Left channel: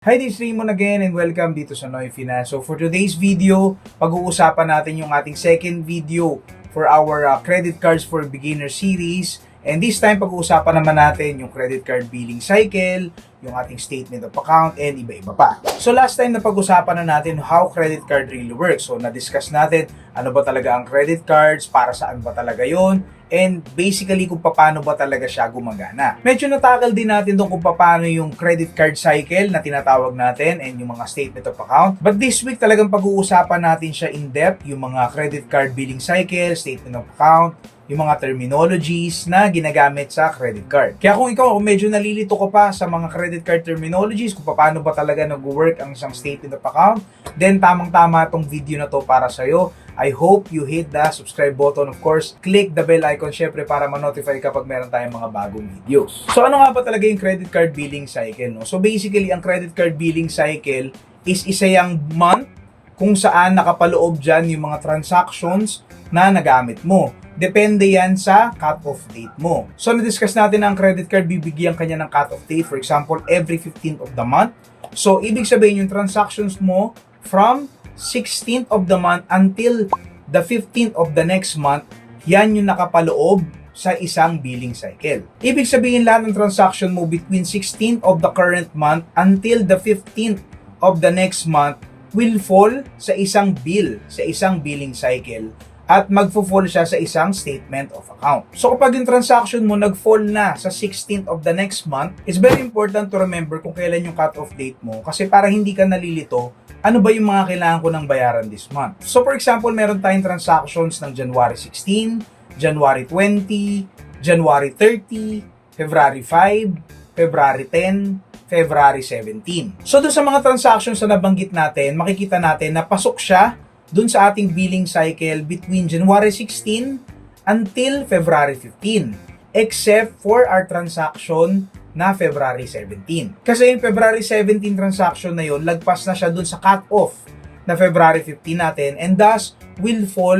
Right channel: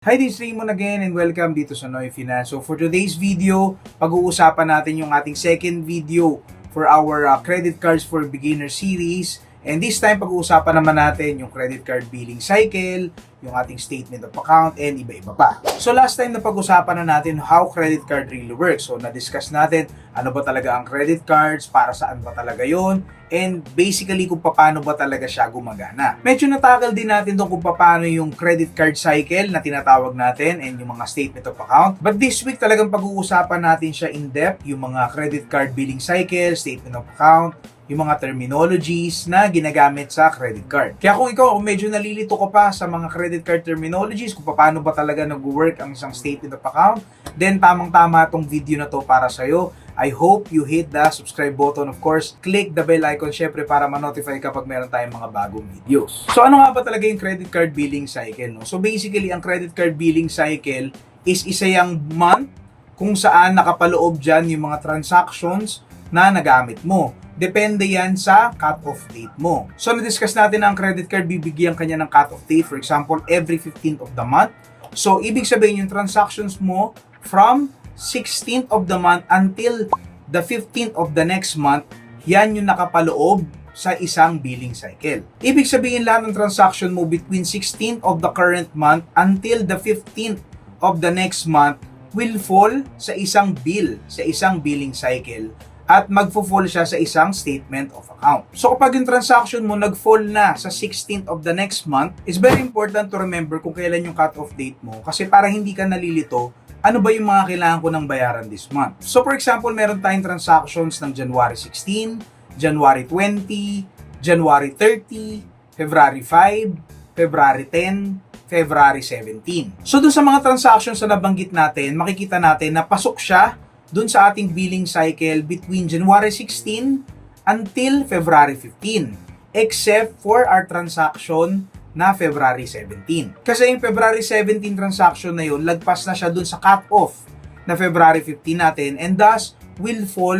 Hi, this is Raymond again and welcome dito sa Noy Finance. So for today's video, pag-uusapan natin yung ating second video for our credit cards for beginner series. And this time, pag-uusapan naman natin yung credit card billing cycle, yung ating statement of account, and iba-iba pa. So last time na pag-usapan na natin how credit card really works. So na-discuss natin ano ba talaga ang credit cards, para saan ba talaga yon, and basically kung paano ba talaga siya gumagana. Medyo natakal din natin kung paano yung credit card cycle na tinatawag natin and yung mga statement of account. But this week talagang pag-uusapan natin siya in depth, yung mga credit card billing cycle, statement of account, yung mga terminologies na ginagamit sa credit card. Kaya kung ikaw medyo nalilito ka pa sa mga credit card terminologies, kung paano ba talaga nag-work ang isang statement of account, then tamang-tama tong video na to para sa'yo. I hope you hit the subscribe button. Of course, click the bell icon syempre para ma-notify kapag meron tayong mga bagong videos. So ano nga ba talaga yung credit card billing cycle? No? So basically, ang credit card billing cycle is isa yung month kung saan nakapaloob dyan yung mga transactions na nagamit mo. Depende yan sa cut-off date mo. So, na-discuss natin na ang credit card, bibigyan kanya ng cut-off date. For example, every 15th of the month. So, ibig sabihin yung transactions mo from 16th of the month until the 15th of the next month, yan yung nakapaloob sa isang billing cycle. Ibig sabihin lahat ng transaction mo between 16th of the current month until the 15th of the next month will fall sa isang bill, sa isang billing cycle, at magfo-fall siya sa isang statement of account. So kapag yung transaction mo nag-fall na sa 16th of the next month, it's very important to remember kung kailan yung cut-off date mo, kasi para hindi ka nalilito, ano ba yung mga kailangan ko ng bayaran this month. So for example, meron tayong transactions ng January 16, January 20, January 30, February 5, February 10, February 17. So dun sa mga transactions na nabanggit natin, makikita natin na pasok siya dun sa ating billing cycle between January 16 until February 15, except for our transaction na February 17. Kasi yung February 17 transaction na yun, lagpas na siya dun sa cut-off na February 15 natin, and thus will fall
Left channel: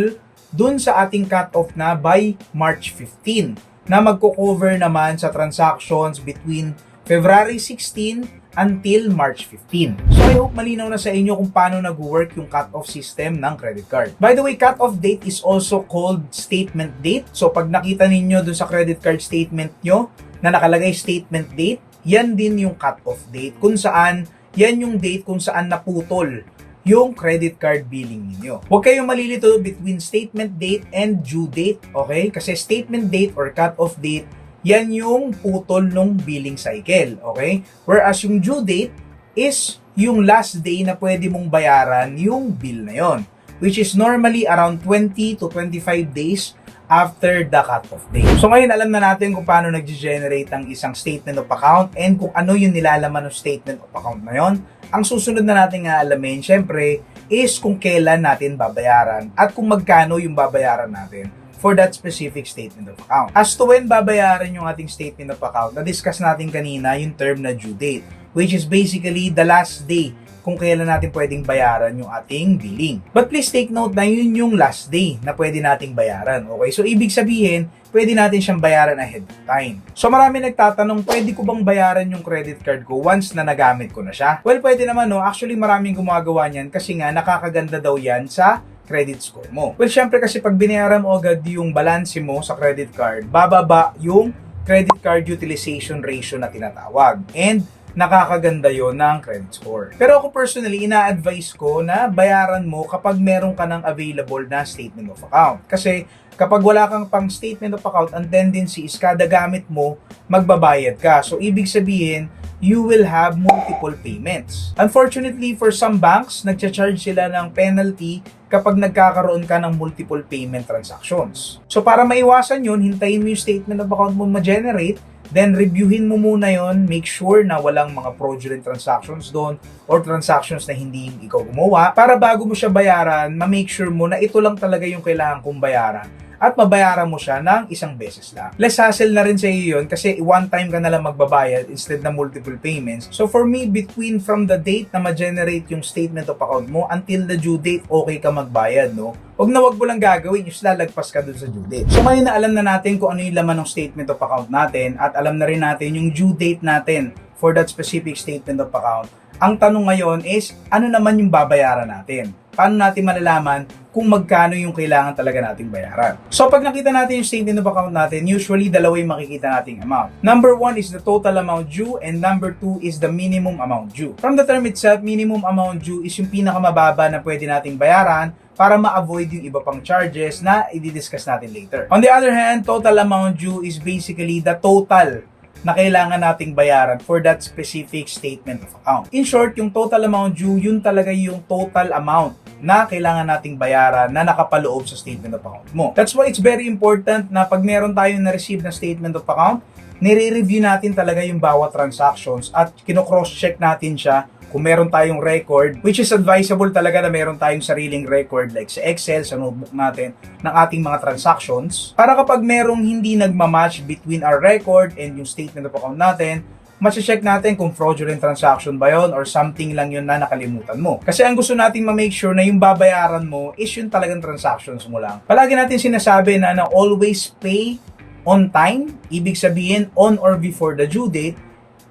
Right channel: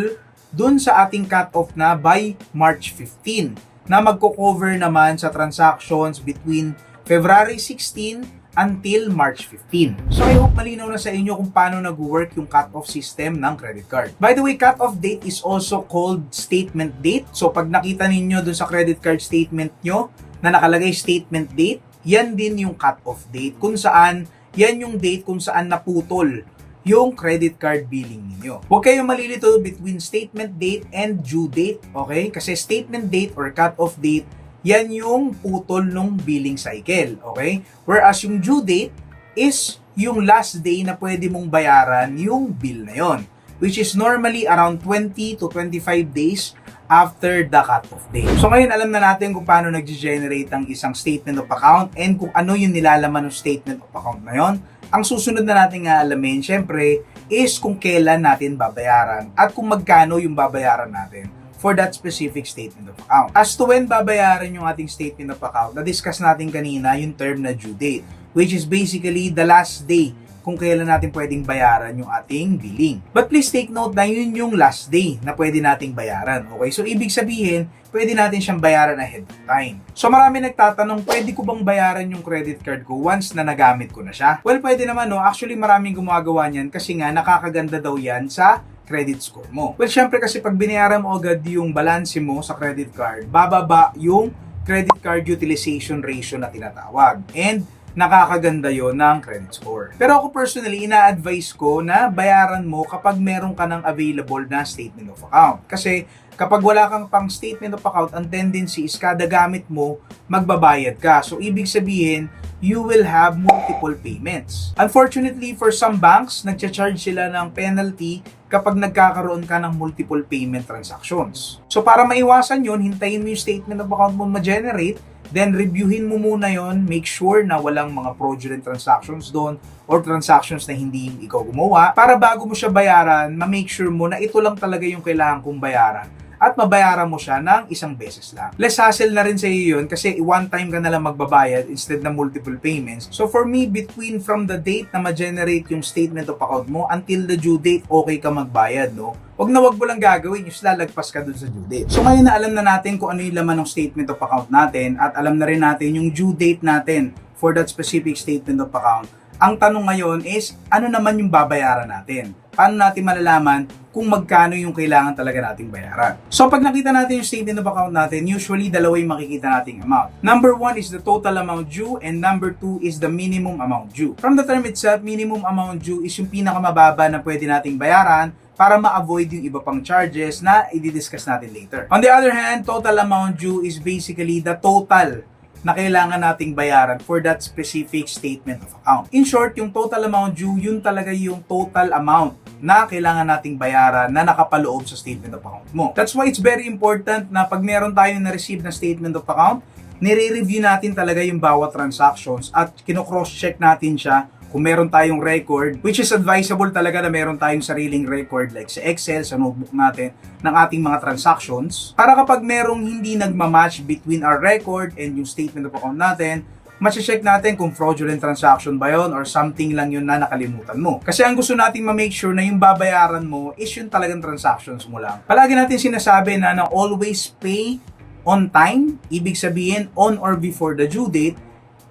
dun sa ating cut-off na by March 15, na magko-cover naman sa transactions between February 16 until March 15. So I hope malinaw na sa inyo kung paano nag-work yung cut-off system ng credit card. By the way, cut-off date is also called statement date. So pag nakita ninyo dun sa credit card statement nyo na nakalagay statement date, yan din yung cut-off date, kung saan yan yung date kung saan naputol yung credit card billing ninyo. Huwag kayong malilito between statement date and due date, okay? Kasi statement date or cut-off date, yan yung putol ng billing cycle, okay? Whereas yung due date is yung last day na pwede mong bayaran yung bill na yon, which is normally around 20 to 25 days after the cut-off date. So ngayon, alam na natin kung paano nag-generate ang isang statement of account and kung ano yung nilalaman ng statement of account na yon. Ang susunod na natin nga alamin, syempre, is kung kailan natin babayaran at kung magkano yung babayaran natin for that specific statement of account. As to when babayaran yung ating statement of account, na-discuss natin kanina yung term na due date, which is basically the last day kung kailan natin pwedeng bayaran yung ating billing. But please take note na yun yung last day na pwede nating bayaran. Okay? So, ibig sabihin, pwede natin siyang bayaran ahead of time. So, marami nagtatanong, pwede ko bang bayaran yung credit card ko once na nagamit ko na siya? Well, pwede naman, no? Actually, maraming gumagawa niyan kasi nga nakakaganda daw yan sa credit score mo. Well, syempre kasi pag binayaran mo agad yung balance mo sa credit card, bababa yung credit card utilization ratio na tinatawag. And nakakaganda yon ng credit score. Pero ako personally, ina-advise ko na bayaran mo kapag meron ka ng available na statement of account. Kasi kapag wala kang pang statement of account, ang tendency is kada gamit mo, magbabayad ka. So, ibig sabihin, you will have multiple payments. Unfortunately, for some banks, nagcha-charge sila ng penalty kapag nagkakaroon ka ng multiple payment transactions. So, para maiwasan yun, hintayin mo yung statement of account mo ma-generate, then reviewin mo muna yon, make sure na walang mga fraudulent transactions doon or transactions na hindi ikaw gumawa, para bago mo siya bayaran, ma-make sure mo na ito lang talaga yung kailangan kong bayaran at mabayaran mo siya ng isang beses lang. Less hassle na rin sa iyo yun kasi one time ka na lang magbabayad instead na multiple payments. So for me, between from the date na ma-generate yung statement of account mo until the due date, okay ka magbayad, no? Wag mo lang gagawin, yung lalagpas ka dun sa due date. So ngayon na alam na natin kung ano yung laman ng statement of account natin at alam na rin natin yung due date natin for that specific statement of account, Ang tanong ngayon is, ano naman yung babayaran natin? Paano natin malalaman kung magkano yung kailangan talaga nating bayaran? So pag nakita natin yung statement of account natin, usually dalawa yung makikita nating amount. Number 1 is the total amount due and number 2 is the minimum amount due. From the term itself, minimum amount due is yung pinakamababa na pwede nating bayaran para ma-avoid yung iba pang charges na i-discuss natin later. On the other hand, total amount due is basically the total na kailangan nating bayaran for that specific statement of account. In short, yung total amount due, yun talaga yung total amount na kailangan nating bayaran na nakapaloob sa statement of account mo. That's why it's very important na pag meron tayo na-receive na statement of account, nire-review natin talaga yung bawat transactions at kino-cross-check natin siya kung meron tayong record, which is advisable talaga na meron tayong sariling record like sa Excel, sa notebook natin, ng ating mga transactions. Para kapag merong hindi nagmamatch between our record and yung statement of account natin, ma-check natin kung fraudulent transaction ba yun or something lang yun na nakalimutan mo. Kasi ang gusto nating ma-make sure na yung babayaran mo is yung talagang transactions mo lang. Palagi natin sinasabi na always pay on time, ibig sabihin on or before the due date,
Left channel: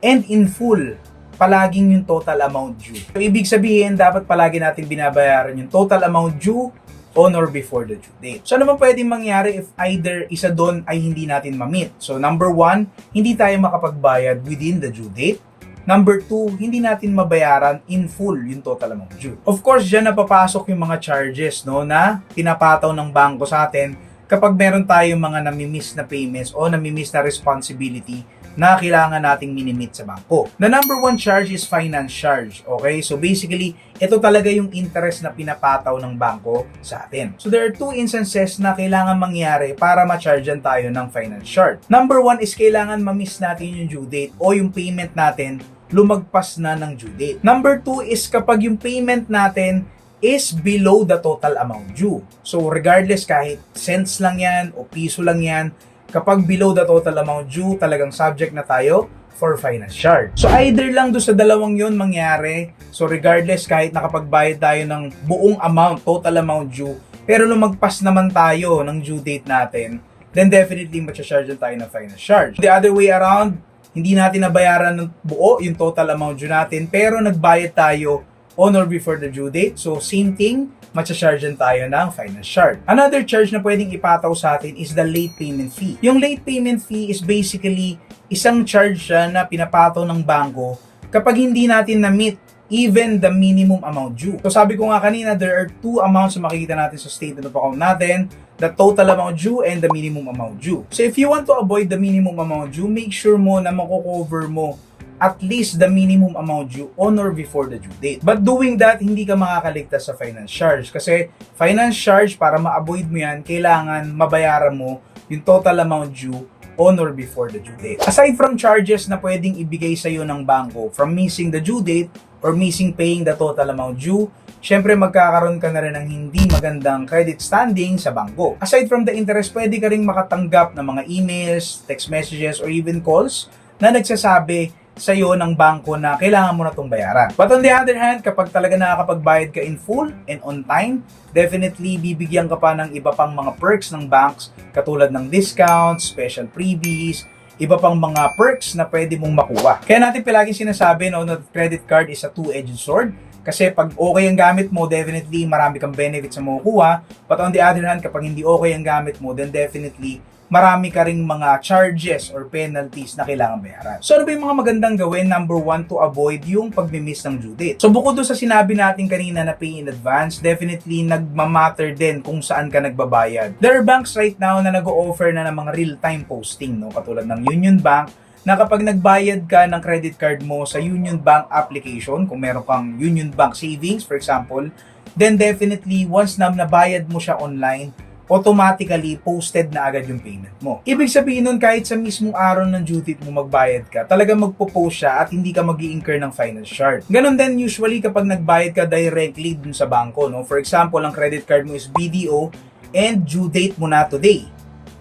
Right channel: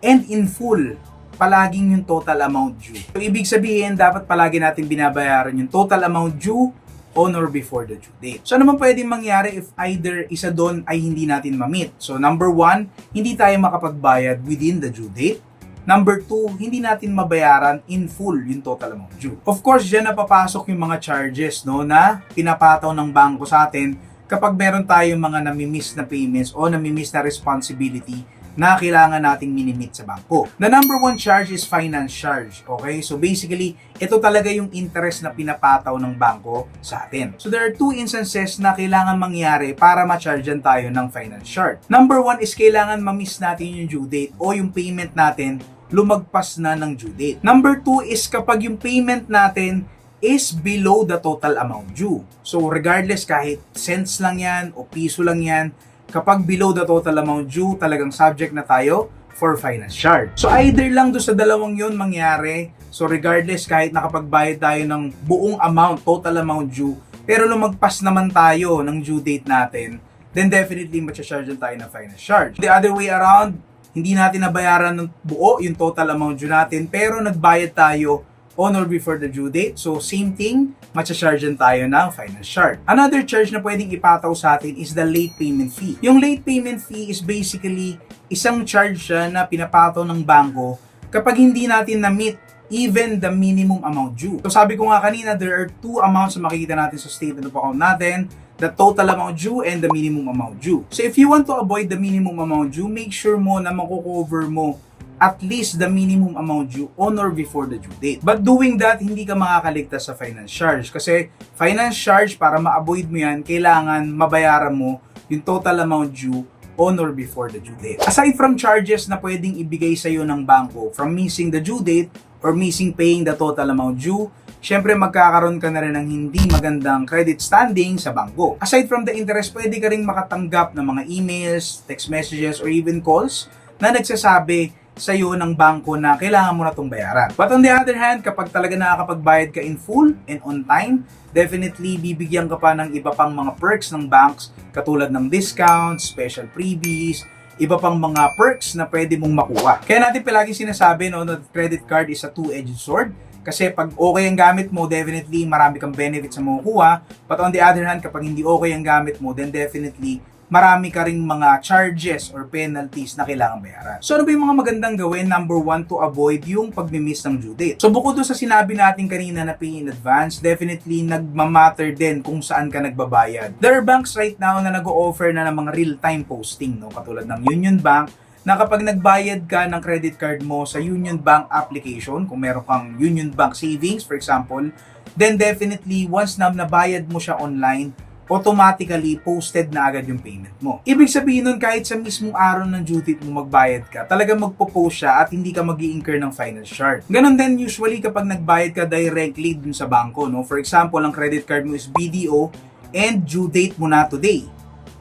and in full, palaging yung total amount due. So, ibig sabihin, dapat palagi natin binabayaran yung total amount due on or before the due date. So, ano man pwedeng mangyari if either isa doon ay hindi natin ma-meet? So, number 1, hindi tayo makapagbayad within the due date. Number 2, hindi natin mabayaran in full yung total amount due. Of course, dyan napapasok yung mga charges na pinapataw ng bangko sa atin kapag meron tayong mga nami-miss na payments o nami-miss na responsibility na kailangan nating minimit sa bangko. The number 1 charge is finance charge. Okay? So basically, ito talaga yung interest na pinapataw ng bangko sa atin. So there are 2 instances na kailangan mangyari para ma-chargean tayo ng finance charge. Number 1 is kailangan ma-miss natin yung due date o yung payment natin lumagpas na ng due date. Number 2 is kapag yung payment natin is below the total amount due. So regardless kahit cents lang yan o piso lang yan, kapag below the total amount due, talagang subject na tayo for finance charge. So either lang do sa dalawang yon mangyari, so regardless kahit nakapagbayad tayo ng buong amount, total amount due, pero lumagpas naman tayo ng due date natin, then definitely matcha-charge tayo ng finance charge. The other way around, hindi natin nabayaran ng buo yung total amount due natin, pero nagbayad tayo on or before the due date. So, same thing, matcha-chargean tayo ng finance charge. Another charge na pwedeng ipataw sa atin is the late payment fee. Yung late payment fee is basically isang charge siya na pinapataw ng bangko kapag hindi natin na-meet even the minimum amount due. So, sabi ko nga kanina, there are 2 amounts na makikita natin sa statement of account natin, the total amount due and the minimum amount due. So, if you want to avoid the minimum amount due, make sure mo na mako-cover mo at least the minimum amount due on or before the due date. But doing that, hindi ka makakaligtas sa finance charge. Kasi finance charge, para ma-avoid mo yan, kailangan mabayaran mo yung total amount due on or before the due date. Aside from charges na pwedeng ibigay sa'yo ng bangko from missing the due date or missing paying the total amount due, syempre magkakaroon ka na rin ng hindi magandang credit standing sa bangko. Aside from the interest, pwede ka rin makatanggap ng mga emails, text messages, or even calls na nagsasabi sa'yo ng bangko na kailangan mo na itong bayaran. But on the other hand, kapag talaga nakakapagbayad ka in full and on time, definitely bibigyan ka pa ng iba pang mga perks ng banks katulad ng discounts, special freebies, iba pang mga perks na pwede mong makuha. Kaya natin palagi sinasabi na credit card is a two-edged sword. Kasi pag okay ang gamit mo, definitely marami kang benefits na makukuha. But on the other hand, kapag hindi okay ang gamit mo, then definitely marami ka ring mga charges or penalties na kailangan bayaran. So ano ba yung mga magandang gawin? Number 1, to avoid yung pagmimiss ng due date. So bukod doon sa sinabi natin kanina na pay in advance, definitely nagmamatter din kung saan ka nagbabayad. There are banks right now na nag-o-offer na ng mga real-time posting, no? Katulad ng Union Bank, na kapag nagbayad ka ng credit card mo sa Union Bank application, kung meron kang Union Bank Savings, for example, then definitely once na nabayad mo siya online, automatically posted na agad yung payment mo. Ibig sabihin nun, kahit sa mismong araw ng due date mo magbayad ka, talaga magpo-post siya at hindi ka mag-i-incur ng finance charge. Ganon din usually kapag nagbayad ka directly dun sa bangko, no? For example, ang credit card mo is BDO and due date mo na today.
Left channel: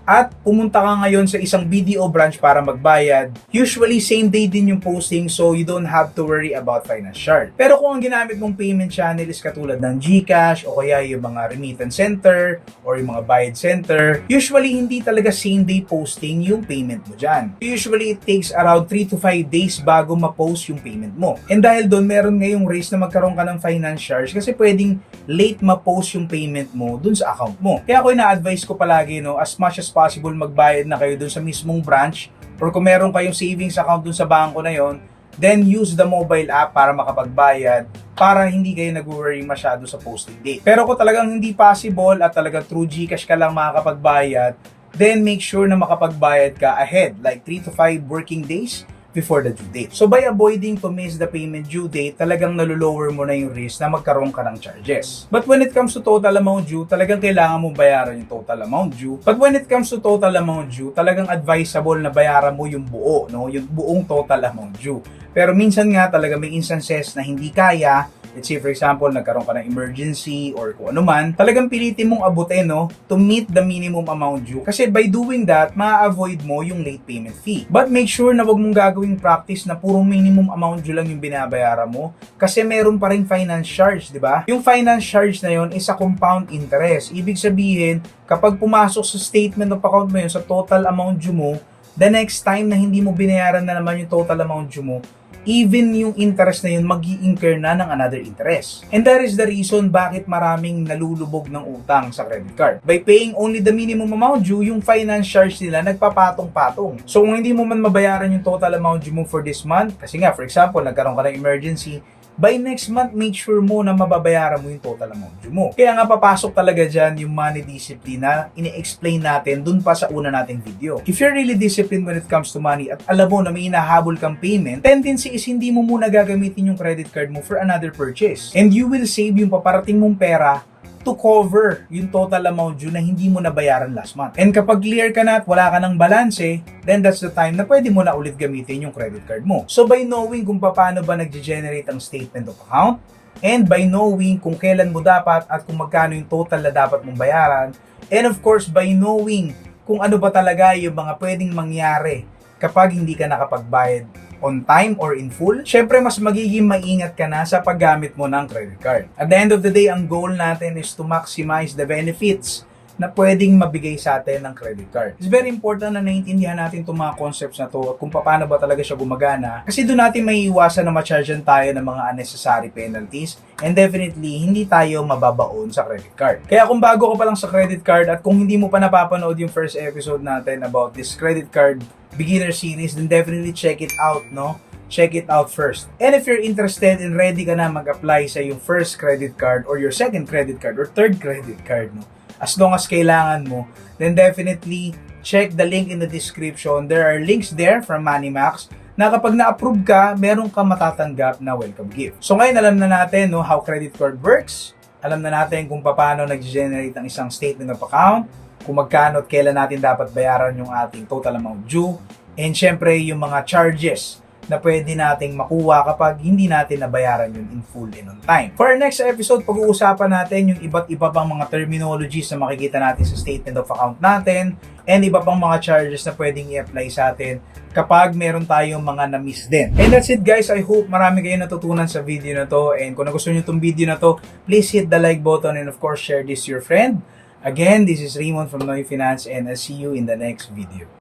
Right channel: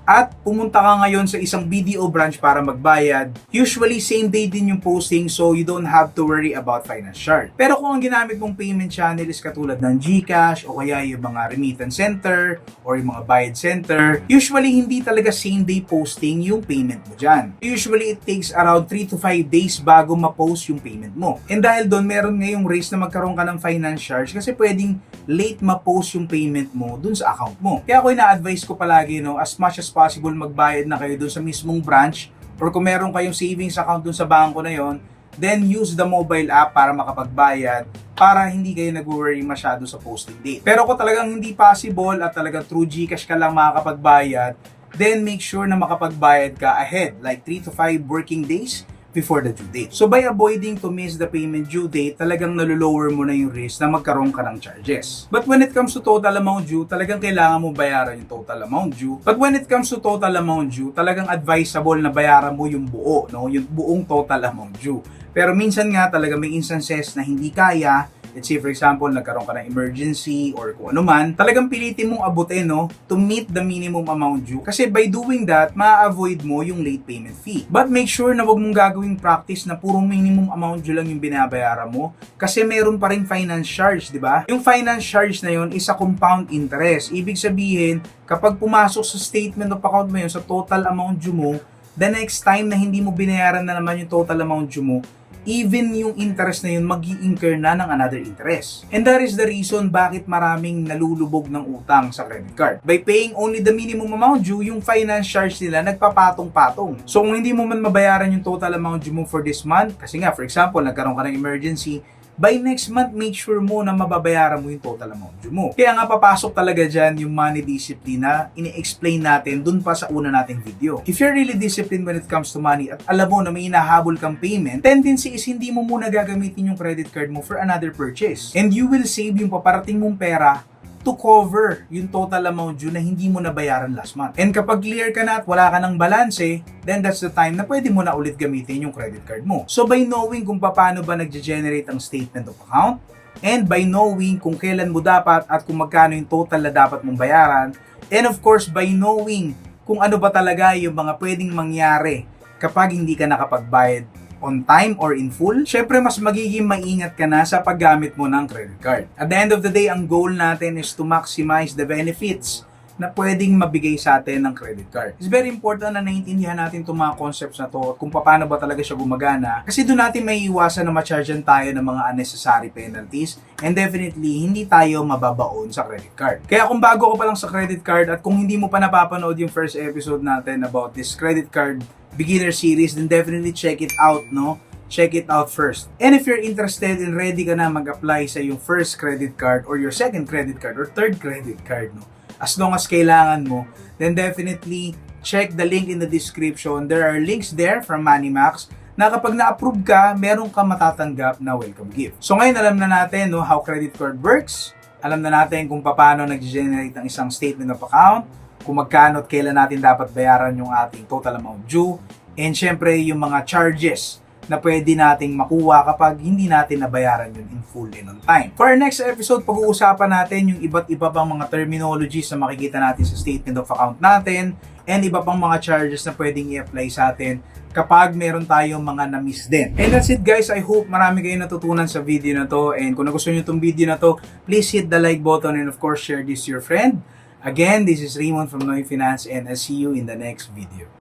at pumunta ka ngayon sa isang BDO branch para magbayad, usually same day din yung posting, so you don't have to worry about finance charge. Pero kung ang ginamit mong payment channel is katulad ng GCash o kaya yung mga remittance center or yung mga bayad center, usually hindi talaga same day posting yung payment mo dyan. Usually it takes around 3 to 5 days bago ma-post yung payment mo. And dahil doon meron ngayong race na magkaroon ka ng finance charge kasi pwedeng late ma-post yung payment mo dun sa account mo. Kaya ako ina-advise ko palagi, no, as much as possible magbayad na kayo dun sa mismong branch, or kung meron kayong savings account dun sa bangko na yon, then use the mobile app para makapagbayad para hindi kayo nag-worry masyado sa posting date. Pero kung talagang hindi possible at talagang through GCash ka lang makakapagbayad, then make sure na makapagbayad ka ahead, like 3 to 5 working days before the due date. So by avoiding to miss the payment due date, talagang nalulower mo na yung risk na magkaroon ka ng charges. But when it comes to total amount due, talagang kailangan mo bayaran yung total amount due. But when it comes to total amount due, talagang advisable na bayaran mo yung buo, no? Yung buong total amount due. Pero minsan nga talaga may instances na hindi kaya. Let's say for example, nagkaroon ka ng emergency or kung ano man, talagang pilitin mong abutin, no, to meet the minimum amount due. Kasi by doing that, ma-avoid mo yung late payment fee. But make sure na wag mong gagawing practice na purong minimum amount due lang yung binabayaran mo. Kasi meron pa rin finance charge, di ba? Yung finance charge na yun is a compound interest. Ibig sabihin, kapag pumasok sa statement of account mo yun sa total amount due mo, the next time na hindi mo binayaran na naman yung total amount due mo, even yung interest na yun mag-i-incur na ng another interest. And that is the reason bakit maraming nalulubog ng utang sa credit card. By paying only the minimum amount due, yung finance charge nila nagpapatong-patong. So kung hindi mo man mabayaran yung total amount due mo for this month, kasi nga for example, nagkaroon ka ng emergency, by next month, make sure mo na mababayaran mo yung total amount due mo. Kaya nga papasok talaga dyan yung money discipline na ini-explain natin dun pa sa una nating video. If you're really disciplined when it comes to money at alam mo na may hinahabol kang payment, tendency is hindi mo muna gagamitin yung credit card mo for another purchase. And you will save yung paparating mong pera to cover yung total amount due na hindi mo nabayaran last month. And kapag clear ka na at wala ka ng balanse, then that's the time na pwede mo na ulit gamitin yung credit card mo. So by knowing kung paano ba nag-generate ang statement of account, and by knowing kung kailan mo dapat at kung magkano yung total na dapat mong bayaran, and of course by knowing kung ano ba talaga yung mga pwedeng mangyari kapag hindi ka nakapagbayad on time or in full, syempre mas magiging maingat ka na sa paggamit mo ng credit card. At the end of the day, ang goal natin is to maximize the benefits na pwedeng mabigay sa atin ng credit card. It's very important na naiintindihan natin itong mga concepts na to at kung paano ba talaga siya gumagana, kasi doon natin may iwasan na ma-chargean tayo ng mga unnecessary penalties, and definitely hindi tayo mababaon sa credit card. Kaya kung bago ka pa lang sa credit card at kung hindi mo pa napapanood yung first episode natin about this credit card beginner series, then definitely check it out, no? Check it out first. And if you're interested and ready ka na mag-apply sa yung first credit card or your second credit card or third credit card, no? As long as kailangan mo, then definitely check the link in the description. There are links there from Moneymax na kapag na-approve ka, meron ka matatanggap na welcome gift. So ngayon alam na natin, no, how credit card works. Alam na natin kung paano nag-generate ang isang statement of account, kung magkano at kailan natin dapat bayaran yung ating total amount due, and syempre yung mga charges na pwede nating makuha kapag hindi natin nabayaran yun in full and on time. For our next episode, pag-uusapan natin yung iba't iba pang mga terminologies na makikita natin sa statement of account natin, and iba pang mga charges na pwedeng i-apply sa atin kapag meron tayong mga na-miss din. And that's it guys, I hope marami kayong natutunan sa video na to, and kung nagustuhan nyo itong video na to, please hit the like button and of course share this to your friend. Again, this is Raymond from Noy Finance, and I'll see you in the next video.